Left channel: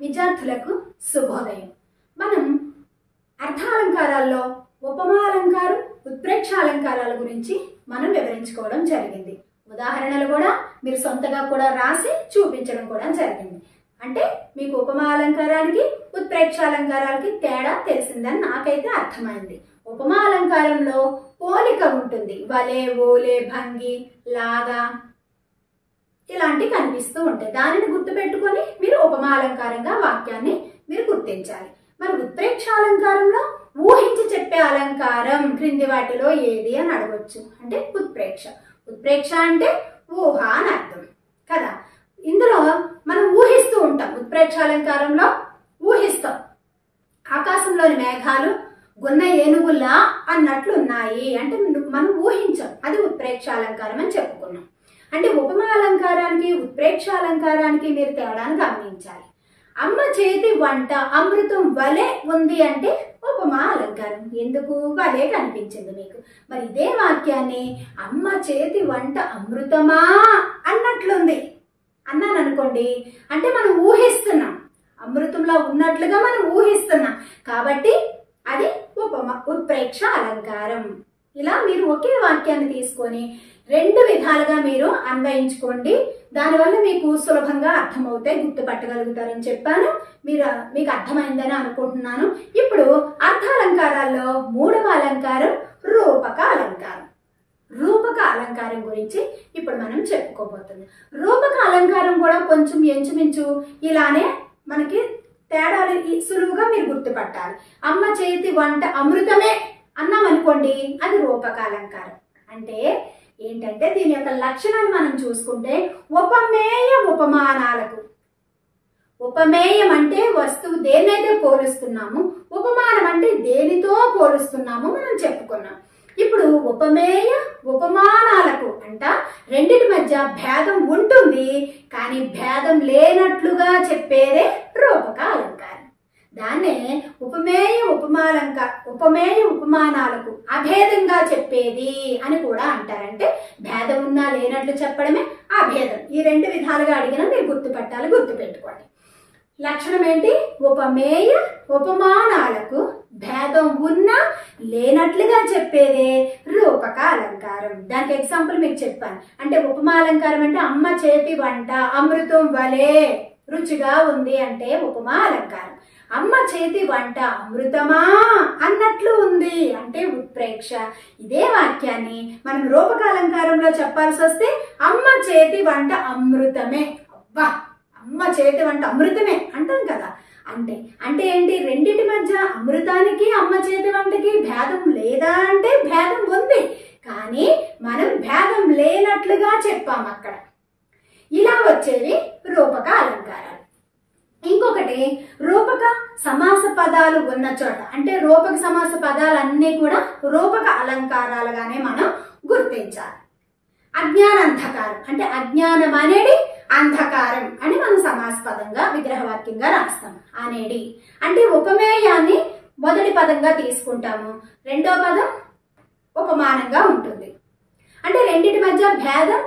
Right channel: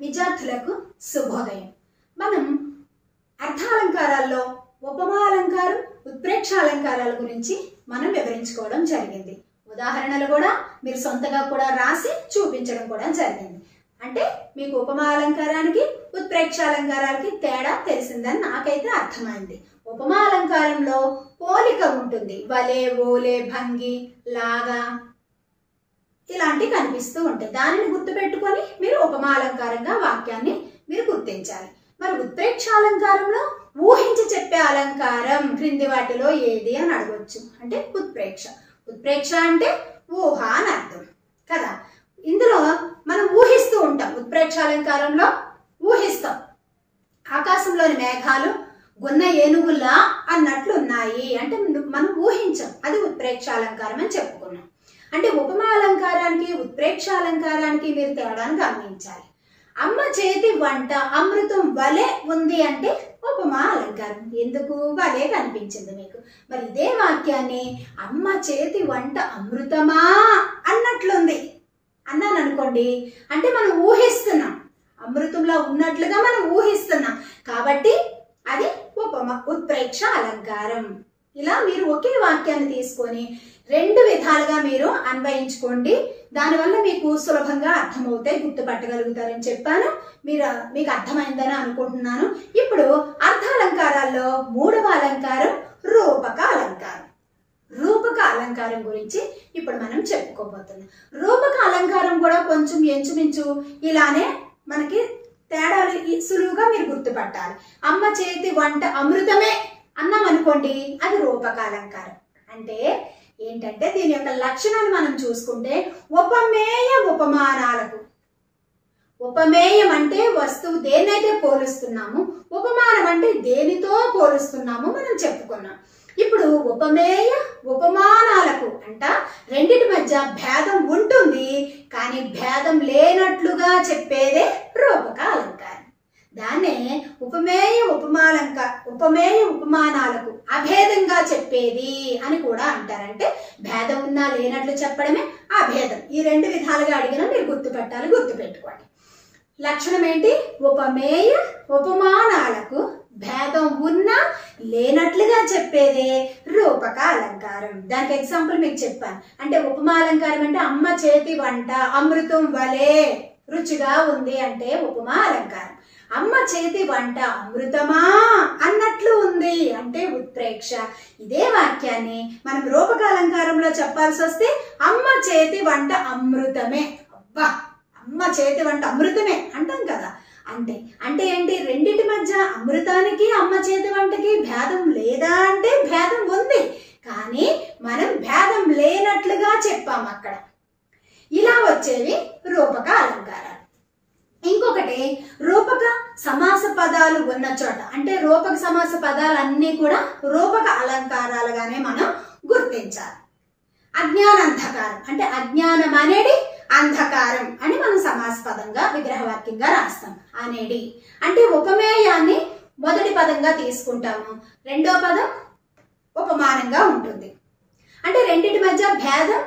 విద్యార్థులకు శుభోదయం. మనం అర్థాలంకారాల్లో ఉపమాలంకారం, ఉత్ప్రేక్ష అలంకారాల గురించి మనం వివరించుకోవడం జరిగింది. ఉదాహరణలు కూడా మీరు సొంతగా కూడా రాసి చూపించడం కూడా జరిగింది. అంటే మీకు ఉపమాలంకారానికి ఉత్ప్రేక్ష అలంకారాలకి తేడా తెలిసిందని నాకైతే అర్థమైంది. ఉపమాలంకారంలో పోలిక ఉంటుంది. వలే, ఓలే, భంగి, లాగా ఇలాంటివి కనిపిస్తూ ఉంటాయి. దానిని గుర్తుపెట్టుకొని మీరు ఉపమాలంకారంగా వాక్యాన్ని మీరు గుర్తించాలి. మరి ఉత్ప్రేక్ష అలంకారంలో ఊహించి చెప్పే అలంకారం క్రింది వాటిలో ఏది అని అడగొచ్చు. అంటే ఉత్ప్రేక్ష. ఉత్ప్రేక్ష అంటే ఊహ అని అర్థం కదా. ఇందులో మనం ఊహిస్తూ ఉంటాం. ఉత్ప్రేక్ష అలంకారంలో ఊహిస్తాం. ఆకాశంలోని మేఘాలు గున్న ఏనుగుల్లా అన్నట్లు ఉన్నాయి అంటే మనం ఊహించాం. అది ఉత్ప్రేక్ష అలంకారం అని చెప్పుకున్నాం. అంటే ఉపమా అలంకారానికి ఉత్ప్రేక్ష అలంకారానికి మీరు తేడాను గమనించాలి. అమ్మ చేతి వంట అమృతం వలె ఉంది అంటే ఉపమా అలంకారం. ఎందుకు? వలె కనిపించింది మీకు. మరి ఇదే వాక్యాన్ని అమ్మ చేతి వంట అమృతమా అన్నట్లుంది అన్నాను అనుకోండి, అంటే మనం ఊహిస్తున్నాం. అమృతంలో ఉన్నట్లుగా మనం ఊహిస్తున్నాం కాబట్టి అది ఉత్ప్రేక్ష అలంకారం. ఇలా మీరు ఒకే వాక్యాన్ని తీసుకొని రెండు విధాలుగా మీరు అన్వయించుకోండి. దానివల్ల మీకు సులభంగా అర్థమవుతాయి, గుర్తుపట్టగలుగుతారని చెప్పాను. మీకు అర్థమైందని అనుకుంటున్నాను. ఇప్పుడు అర్థాలంకారాల్లో మూడవ అలంకారం రూపక అలంకారం. రూపక అలంకారం గురించి ఇప్పుడు మనం చెప్పుకోబోతున్నాం. రూపక అలంకారం కూడా కొంచెం ఎంచుమించు ఇలానే మనకి తేడాలు సులువుగా మీరు గుర్తుపట్టాలి. అమ్మ చేతి వంట అమృతమే అన్నాం అనుకోండి, అది రూపక అలంకారం. అంటే ఏంటంటే దీని యొక్క లక్షణాన్ని మనం చూసుకుంటే ఉపమేయ ఉపమానాలకు. ఉపమేయం అంటే వస్తువు దేన్నైతే పోలుస్తున్నాము, ఉపమానం అంటే దేనితో పోలుస్తున్నాము మనం చెప్పుకున్నాం. ఇప్పుడు ఉపమేయ ఉపమానాలకు అంట రెండిటి మధ్య భేదం ఉంటుంది, కానీ భేదం లేనట్లుగా చెప్పేదే రూపక అలంకారం. దాన్నే ఉపమేయ ఉపమానాలకు అభేదంగా చెప్పేది అని కూడా అంటారంటే భేదం ఉన్నా లేనట్లు చెప్పడమే అభేదం. ఈ రెండు విధాలుగా అడిగినా మీరు గుర్తుపెట్టాలి, గుర్తుపెట్టుకోండి. లక్షణం ఏంటి? ఉపమేయ ఉపమానాలకు భేదం ఉన్నా లేనట్లుగా చెప్పేదే రూపక అలంకారం. దానికి ఎగ్జాంపుల్ మీకు చెప్పాను. అంటే ఉపమాలంకారం అంటే అమ్మ చేతి వంట అమృతం వలె రుచిగా ఉంది అంటే ఉపమా అలంకారం. అమ్మ చేతి వంట అమృతమా అన్నట్లు ఉంది అంటే ఉత్ప్రేక్ష. ఇదే వాక్యాన్ని మనం రూపక అలంకారంలో చెప్పాల్సి వస్తే అమ్మ చేతి వంట అమృతమే. అబ్బా, అమ్మ చేతి వంట అమృతమే అంటాం కదా. అంటే ఏంటి? రెండిటి మధ్య అమృతానికి అమ్మ చేతి వంటకి భేదం లేదా అంటే భేదం ఉంది, కానీ మనం భేదం లేనట్లుగా చెప్పాం అక్కడ. ఇలా వచ్చేవి రూపక అలంకారాలు. ఇంకొకటి రూపక సమాస పదాలు ఉన్న చోట, అంటే రూపక సమాస పదాలన్నీ కూడా రూపక అలంకారాలుగానే మనం గుర్తించాలి. అజ్ఞానంధకారం అంటే అజ్ఞానం అనేది అంధకారం అని మనం సమాసపదంగా విగ్రహవాక్యంగా రాస్తాం. అనేది అంటే ఉపమేయాన్ని మొదటి పదంగా తీసుకుంటాము, రెండో పదం ఉపమానంగా ఉంటుంది. అంటే రెండిటి మధ్య భేదం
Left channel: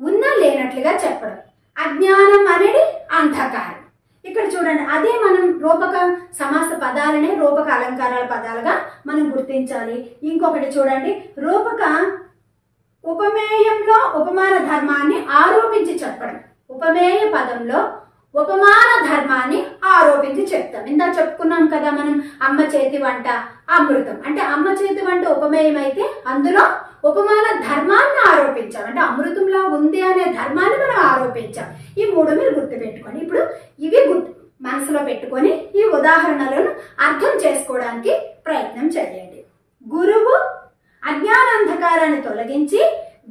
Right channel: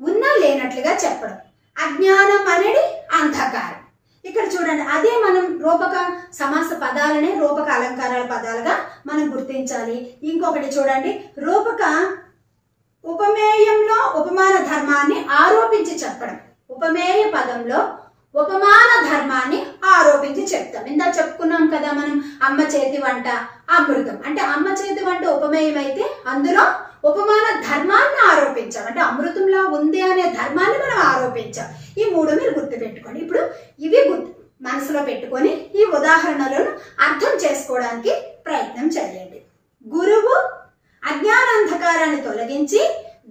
ఉన్నా లేనట్లుగా చెప్పడం. అజ్ఞానం అనేది అంధకారం. ఇక్కడ చూడండి, అదే మనం రూపక సమాస పదాలనే రూపక అలంకారాల పదాలుగా మనం గుర్తించాలి. ఇంకొకటి చూడండి, రూపక ఉపమేయంలో ఉపమాన ధర్మాన్ని ఆరోపించి చెప్పడం. ఉపమేయ పదంలో ఉపమాన ధర్మాన్ని ఆరోపించి చెప్తాం. ఇందాక చెప్పుకున్నాం కదా మనం, అమ్మ చేతి వంట అమృతం అంటే అమ్మ చేతి వంట ఉపమేయం అయితే అందులో ఉపమాన ధర్మాన్ని ఆరోపించాం. అంటే అమృతంలా ఉంది అనే ధర్మాన్ని మనం ఆరోపించాం. ఈ మూడు మీరు గుర్తుపెట్టుకోండి. ఇప్పుడు ఇవి మనసులో పెట్టుకొని ఈ ఉదాహరణలను అర్థం చేసుకోవడానికి ప్రయత్నం చేయండి. గురువు అజ్ఞానాంధకారాన్ని తొలగించి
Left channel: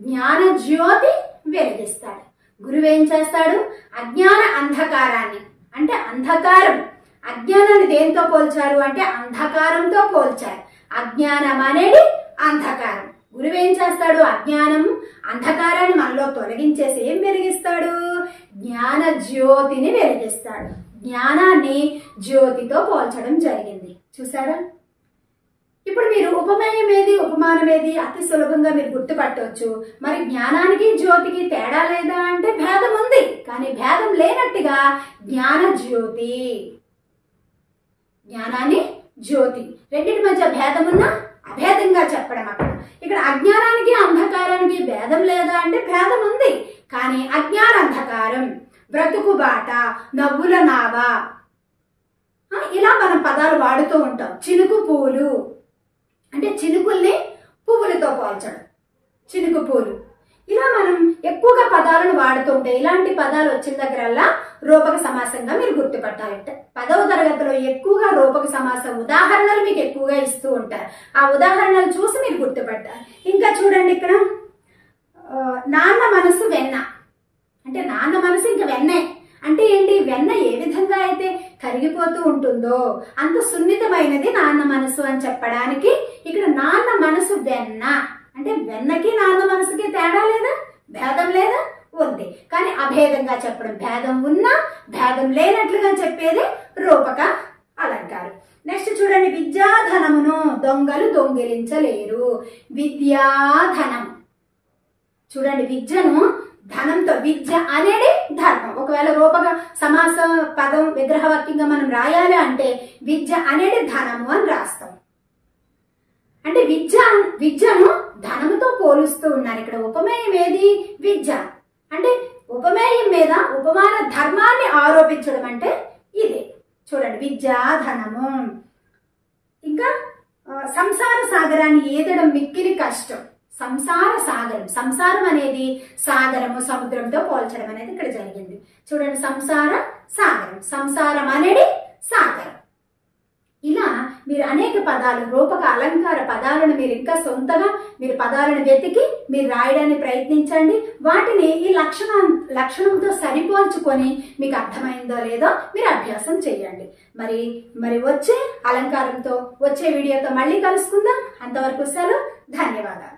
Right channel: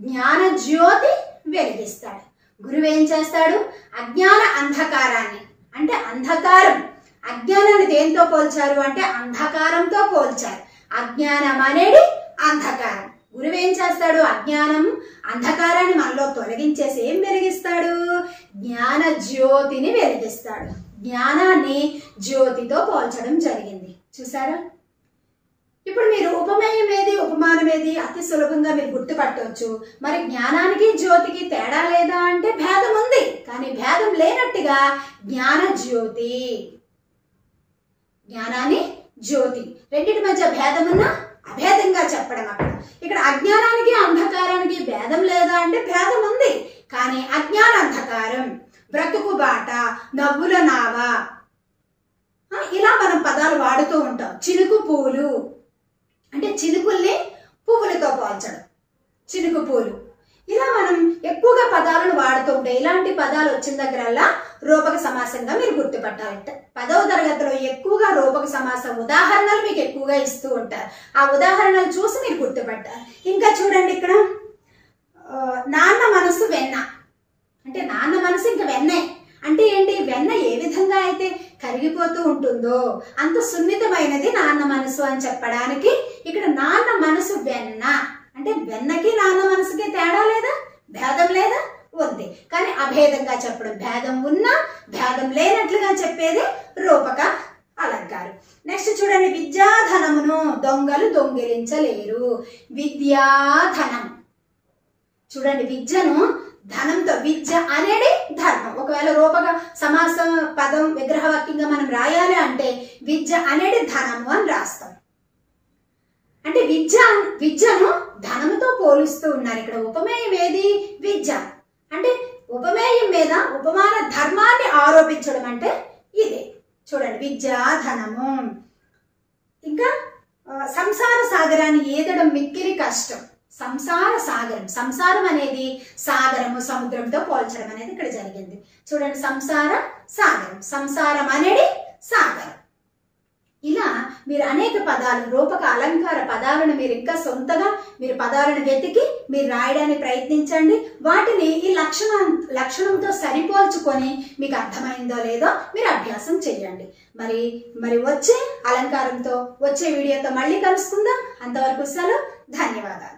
జ్ఞాన జ్యోతి వెలిగిస్తాడు. గురువు ఏం చేస్తాడు? అజ్ఞాన అంధకారాన్ని అంటే అంధకారం, అజ్ఞానాన్ని దేంతో పోల్చారు అంటే అంధకారంతో పోల్చారు. అజ్ఞానం అనేది అంధకారం. గురువు ఏం చేస్తాడు? అజ్ఞానం అంధకారాన్ని మనలో తొలగించేసి ఏం వెలిగిస్తాడు? జ్ఞాన జ్యోతిని వెలిగిస్తాడు. జ్ఞానాన్ని జ్యోతితో పోల్చడం జరిగింది, చూసారా? ఇప్పుడు మీరు ఉపమేయం ఏది ఉపమానం ఏది అతి సులభంగా మీరు గుర్తుపట్టవచ్చు. మరి జ్ఞానానికి జ్యోతికి తేడా లేదా అంటే భేదం ఉంది, కానీ భేదం లేనట్టుగా జ్ఞాన జ్యోతి, జ్ఞానాన్ని జ్యోతి రెండింటి మధ్య భేదం ఉన్న అభేదంగా చెప్పడం. అక్కడ ఇక్కడ అజ్ఞానానికి అంధకారానికి భేదం లేదా అంటే భేదం ఉంది, కానీ అజ్ఞాన అంధకారం, బ్రతుకు బాట, నవ్వుల నావ, ఇలా మనం పదాలు వాడుతూ ఉంటాం. చినుకు పూలు అంటే చినుకుల్ని పువ్వులతో పోల్చడం, చినుకు పూలు. ఇలా మనం ఎక్కువగా పదాలను వాడుతూ ఉంటాం. ఇలాంటి పదాలు వచ్చిన దగ్గరల్లా రూపక సమాసంగా మీరు గుర్తుపట్టాలంటే 10వ తరగతిలో ఎక్కువగా రూపక సమాసం ఉదాహరణలు మీకు ఎక్కువగా ఇస్తూ ఉంటారు. ఆ ఉదాహరణలు చూసి మీరు గుర్తుపట్టాలి. ఇంకా చూడండి ఇక్కడ నాన్న మనసు వెన్న అంటే నాన్న మనసు ఇంకా వెన్నే అంటే ఏంటి? వెన్న ఏ విధంగా అయితే కరిగిపోతూ ఉంటుందో అంత సున్నితమైనది నాన్న మనసు అని చెప్పడానికి ఇక్కడ నాన్న మనసు వెన్న అంటే వెన్నకి నాన్న మనసుకి తేడా లేదా? భేదం లేదా? ఉంది, కానీ అభేదంగా చెప్పడం. భేదం ఉన్నా భేదం లేనట్లుగా చెప్పేది రూపక అలంకారం. నెక్స్ట్ చూడండి, విద్యాధనమును దొంగలు దొంగిలించలేరు. విద్యాధనం చూడండి, విద్యను ధనంతో, విద్య అనేది ధర్మం. ఒకవేళ రూపక సమాసం పదం విగ్రహవాక్యంగా మనం రాయాలి అంటే విద్య అనేది ధనము అని రాస్తాం. అంటే విద్యను ధనముతో పోలుస్తూ ఉన్నారు. ఇక్కడ ఉపమేయం ఏది? విద్య. అంటే ఉపమేయం మీద ఉపమాన ధర్మాన్ని ఆరోపించడం అంటే ఇదే. చూడండి, విద్యా ధనము. ఇంకా సంసార సాగరాన్ని ఈదడం మిక్కిలి కష్టం. సంసార సాగరం, సంసారం అనేది సాగరము, సముద్రంతో పోల్చడం అనేది ఇక్కడ జరిగింది. చూడండి, సంసార సాగరం, సంసారం అనేది సాగరం. ఇలా మీరు అనేక పదాలు, రూపక అలంకార పదాలను మీరు ఇంకా సొంతగా మీరు పదాలను వెతికి మీరు రాయడానికి ప్రయత్నించండి. వాటిని ఈ లక్షణంతో సరిపోల్చుకొని మీకు అర్థమైందో లేదో మీరు అభ్యాసం చేయండి. మరి వచ్చే అలంకారంతో, వచ్చే వీడియోతో మళ్ళీ కలుసుకుందాం. అంతవరకు సెలవు. ధన్యవాదాలు.